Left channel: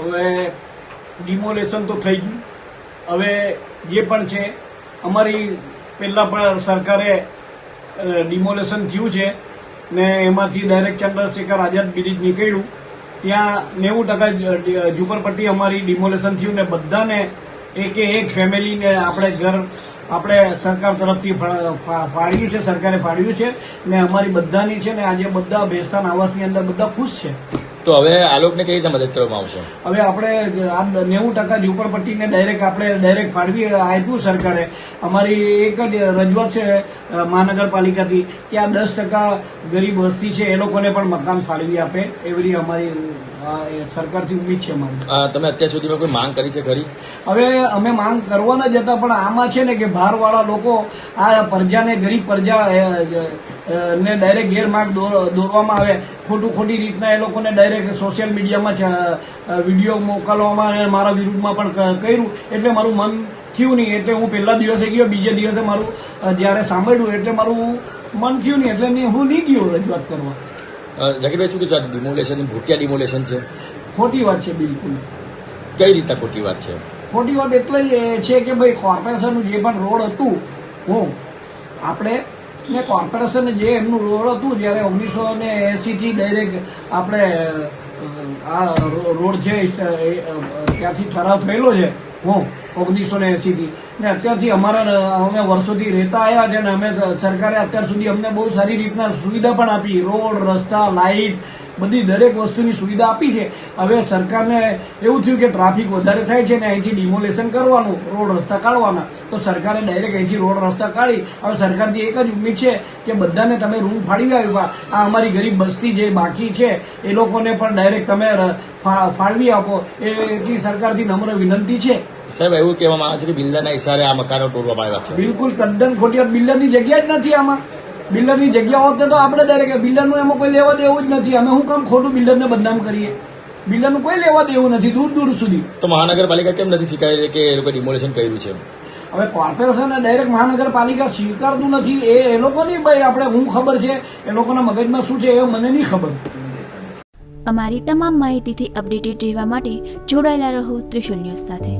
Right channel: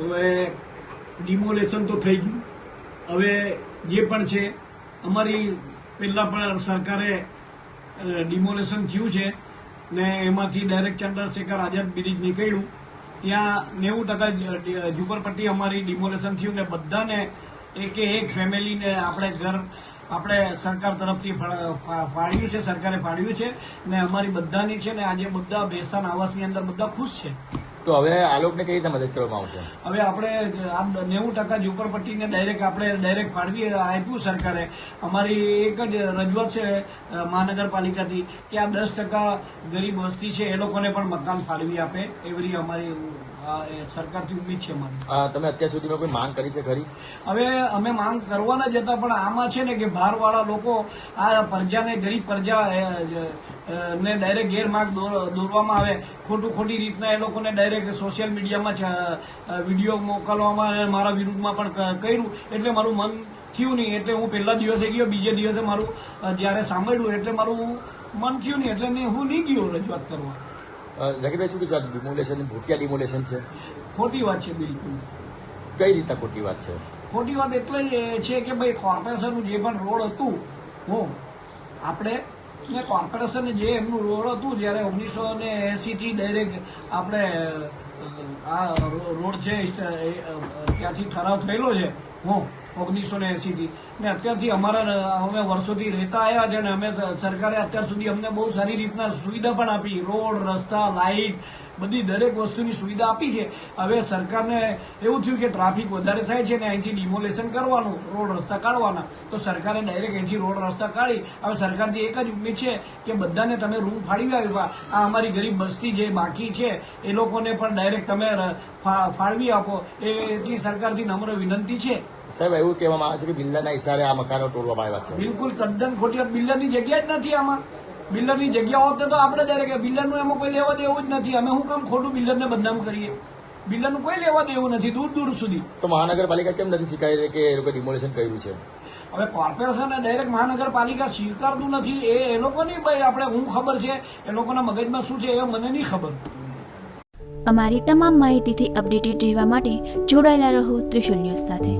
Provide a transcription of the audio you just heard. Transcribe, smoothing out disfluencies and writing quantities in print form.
હવે ડિમોલેશન તો થઈ ગયું. હવે જે પણ છે અમારી પહેલાં પણ સરકારે ડિમોલેશન થયું છે ને એમાંથી ડાયરેક્ટ ચંદ્રશેખર આઝાદ બ્રિજ નીકળ્યું. ત્યાં 90% ઝુંપડપટ્ટી અમારી ડિમોલેશન થયું ને બધાને એક ફેમિલીને આપણે ઘર આપણે સરકાર તરફથી ફાળવ્યું છે, સરકારે ફાળવ્યું છે ને અમારી બધાની છે ને આજે બધા બેસ્તાન આવાસની અંદર બધા ખુશ છે. તો હવે આ લોકોને કઈ રીતે મદદ કરવામાં આવશે? હવે આપણે આ 90% ઝુંપડપટ્ટીને ડાયરેક્ટ ફાળવી આપ્યું સરકારે. અમારી એક જ રજૂઆત છે મહાનગરપાલિકાથી કે આ 10% ગરીબ વસ્તી છે એ લોકોને પણ મકાન ફાળવી આપે એવી અમારી સરકારથી ઉમ્મીદ છે અમારી. તમે અત્યાર સુધીમાં કોઈ માંગ કરી છે ખરી? હવે અમે માંગ કરવાના જ હતા, પણ આમાં છે ને કે બહારવાળા લોકો આ પ્રજાને, ગરીબ પ્રજા ને ડાયરેક્ટ ગેરમાર્ગ દોરવામાં આવે. ખોટી રીતના એ લોકોને ડાયરેક્ટ સોશિયલ મીડિયામાં વિડીયો મોકલવામાં અને મારા વિરુદ્ધમાં પણ કર્યું. એટલે મારું મન થયું નહીં. એટલે હું પહેલા દિવસે ગયો, બીજે દિવસે મારું જ્યારે સાંભળ્યું એટલે મારું મન થયું નહીં. એટલે હું નહીં ગયો રજૂઆત કરવા. જાકીરભાઈ, શું કીધું? ડિમોલેશન ભૂતિયા ડિમોલેશન છે? ખોટી વાત છે, બિલકુલ. કઈ રીતના ખોટી વાત છે? ખોટી વાત એટલે છે કે ભાઈ કોર્પોરેશનનું જે પણ રોડ હતું આપણે ને કોર્પોરેશન જે એમનું રોડ હતું જ્યારે 1980થી ડાયરેક્ટ આપણે આ રોડ છે ત્યાંથી ઠરાવ થયેલો છે 1980થી ને અત્યારથી અમે વર્ષોથી રહેતા આવ્યા છે ને અમે સરકારે અત્યાર સુધી અમને બહુ સારી રીતના સુવિધા પણ આપી. રોડ, રસ્તા, લાઇટ બધી દરેક વસ્તુની સુવિધા આપી છે. હવે સરકારને એવું થયું કે ટ્રાફિક વધારે થાય છે ને અહીંથી ડિમોલેશન કરવાનું, રોડ રસ્તા કાઢવાના. તો સરકારે ડાયરેક્ટ અહીંથી રોડ રસ્તા કાઢી. હવે સરકારથી એક જ ઉમ્મીદ છે કે બધાને તમે રૂમ ફાળવી આપ્યા. આ અમારી ગરીબ બસ્તી જે બાકી છે એ લોકોને પણ ડાયરેક્ટ તમે ફાળવી આપો એટલી સરકારથી નમ્ર વિનંતી છે. સાહેબ, એવું કહેવામાં આવે છે કે બિલ્ડરના ઇશારે આ મકાનો તોડવામાં આવ્યા છે. બિલકુલ તદ્દન ખોટી વાત. બિલ્ડરની જગ્યા જ નથી આમાં. બિલ્ડરની જગ્યા હોત તો આપણે ડાયરેક્ટ બિલ્ડરનું એમાં કોઈ લેવા દેવું જ નથી. અમે શું કામ ખોટું બિલ્ડરને બદનામ કરીએ? બિલ્ડરનું કોઈ લેવા દેવું નથી દૂર સુધી. તો મહાનગરપાલિકા કેમ નથી સ્વીકારી કે એ લોકો ડિમોલેશન કર્યું છે? હવે કોર્પોરેશન ડાયરેક્ટ મહાનગરપાલિકા સ્વીકારતું નથી. એ લોકોની ભાઈ આપણે હું ખબર છે, એ લોકોના મગજમાં શું છે એ મને નહીં ખબર. અમારી તમામ માહિતીથી અપડેટેડ રહેવા માટે જોડાયેલા રહો ત્રિશુલ ન્યૂઝ સાથે.